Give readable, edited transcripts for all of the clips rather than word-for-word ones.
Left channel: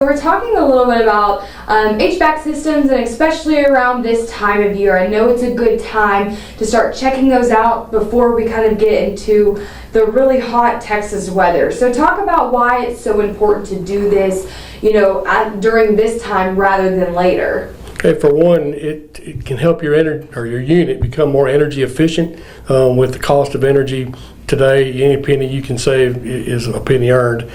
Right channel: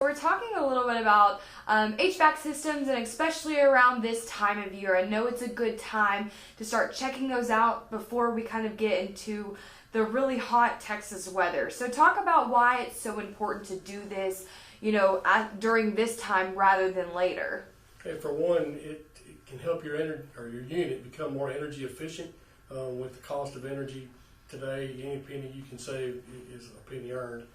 We're talking a little bit about HVAC systems, and especially around this time of year. I know it's a good time to start checking those out before we kind of get into the really hot Texas weather. So talk about why it's so important to do this, during this time rather than later. Okay, for one, it can help your unit become more energy efficient. With the cost of energy today, any penny you can save is a penny earned.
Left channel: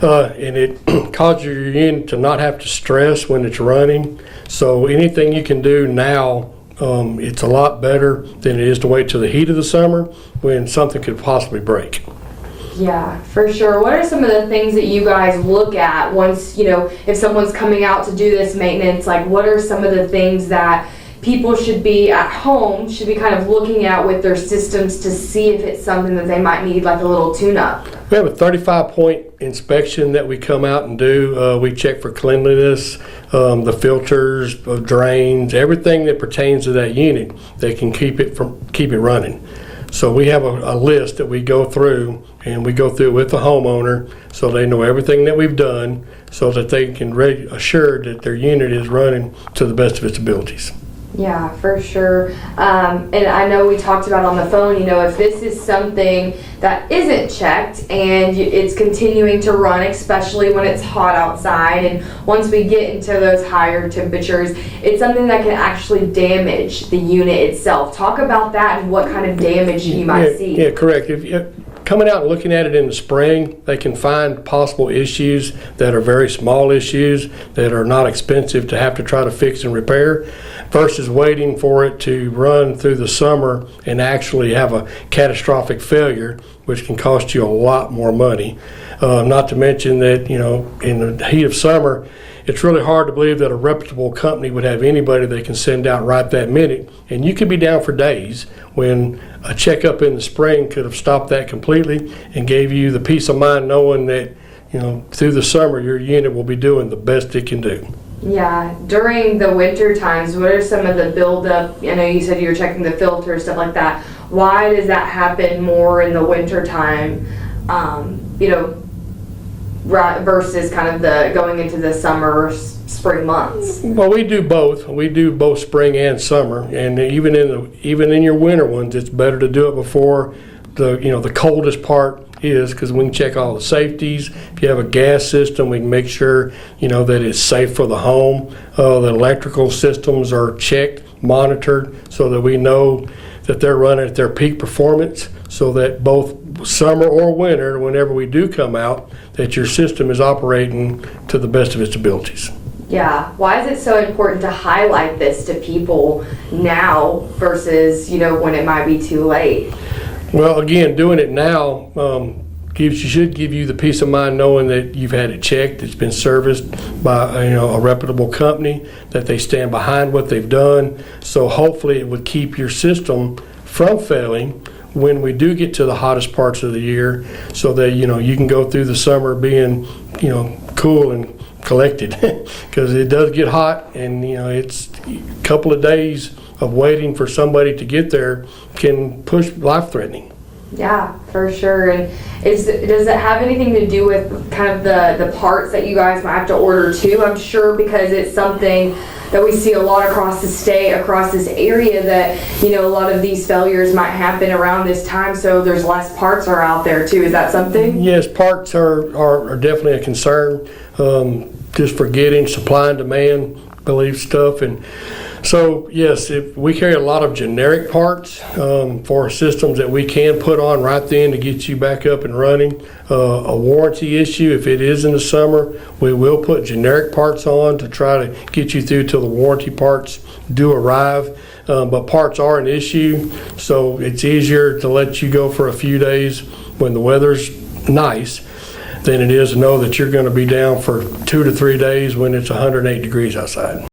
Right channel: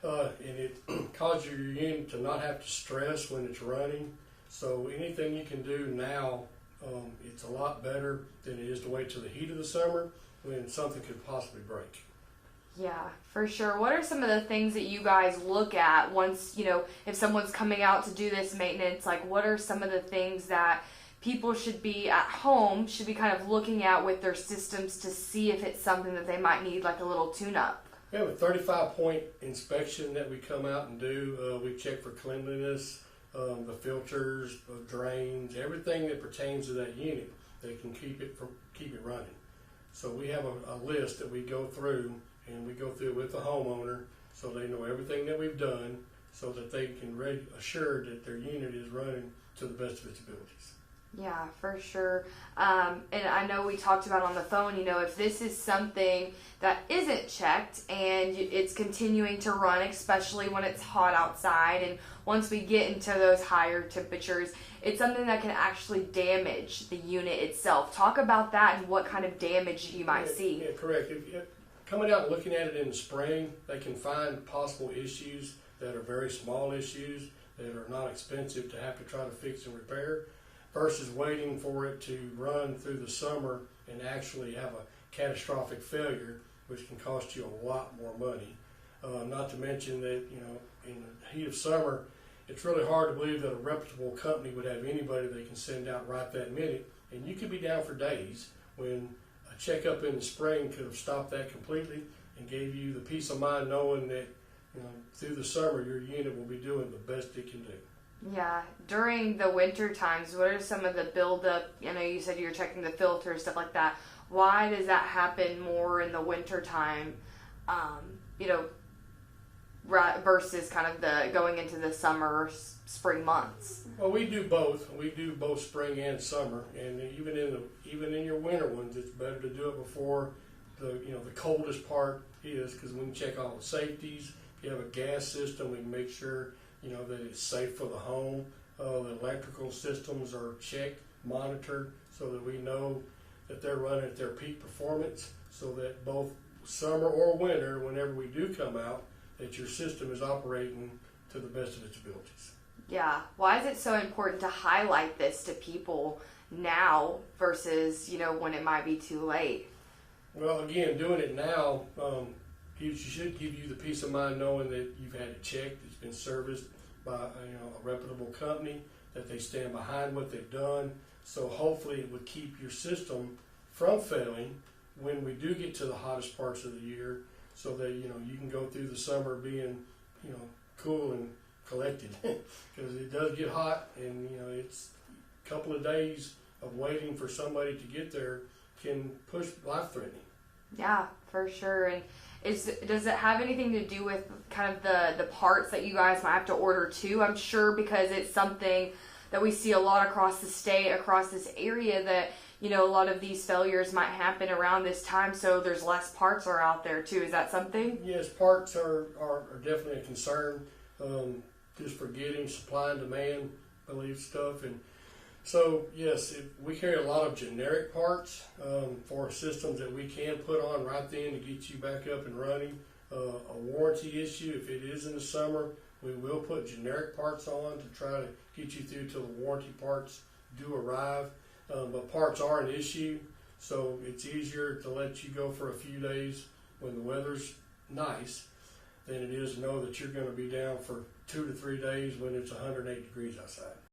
And it causes your unit to not have to stress when it's running. So anything you can do now, it's a lot better than it is to wait till the heat of the summer when something could possibly break. Yeah, for sure. What are some of the things that you guys look at once, if someone's coming out to do this maintenance, like what are some of the things that people should be at home, should be kind of looking at with their systems to see if it's something that they might need like a little tune-up? We have a 35-point inspection that we come out and do. We check for cleanliness, the filters, drains, everything that pertains to that unit that can keep it running. So we have a list that we go through, and we go through with the homeowner so they know everything that we've done so that they can assure that their unit is running to the best of its abilities. Yeah, for sure. And I know we talked about on the phone, if this is something that isn't checked and it's continuing to run, especially when it's hot outside, and once we get into those higher temperatures, it's something that can actually damage the unit itself. Talk about that and what kind of damage you might see. Yeah, correct. If coming out and looking at it in the spring, they can find possible issues that are very small issues that are not expensive to have to try to fix and repair, versus waiting for it to run through the summer and actually have a catastrophic failure, which can cost you a lot more money. Not to mention that, in the heat of summer, it's really hard to believe that a reputable company would have anybody they can send out right that minute. And you could be down for days when a checkup in the spring could have stopped that completely and gave you the peace of mind knowing that, through the summer, your unit will be doing the best it can do. Yeah, during the winter times, what are some of the buildup? I know you said you were checking the filters, stuff like that. Why does that happen more in the winter time, versus kind of the going into the summer, spring months? Well, we do both. We do both spring and summer, and even in your winter ones, it's better to do it before the coldest part is, because we can check all the safeties. If you have a gas system, we can make sure that it's safe for the home. The electrical systems are checked, monitored, so that we know that they're running at their peak performance, so that both summer or winter, whenever we do come out, that your system is operating to the best of its abilities. Yeah, why is it so important to highlight this to people now versus when it might be too late? Well, again, doing it now should give you the peace of mind knowing that you've had it checked, it's been serviced by a reputable company, that they stand behind what they've done. So hopefully it would keep your system from failing when we do get to the hottest parts of the year, so that you can go through the summer being cool and collected, because it does get hot, and it's a couple of days of waiting for somebody to get there can push life-threatening. Yeah, for sure. And does it have anything to do with kind of the parts that you guys might have to order too? I'm sure, because it's something that we see a lot across the state, across this area, that a lot of these failures might happen around this time, so there's less parts are out there too. Is that something? Yes, parts are definitely a concern. Just for getting supply and demand, belief stuff. And so, yes, if we carry a lot of generic parts for systems that we can put on right then to get you back up and running. A warranty issue, if it is in the summer, we will put generic parts on to try to get you through till the warranty parts do arrive. But parts are an issue, so it's easier to let you go for a few days when the weather's nice than it is to know that you're going to be down for 2 to 3 days when it's 108 degrees outside.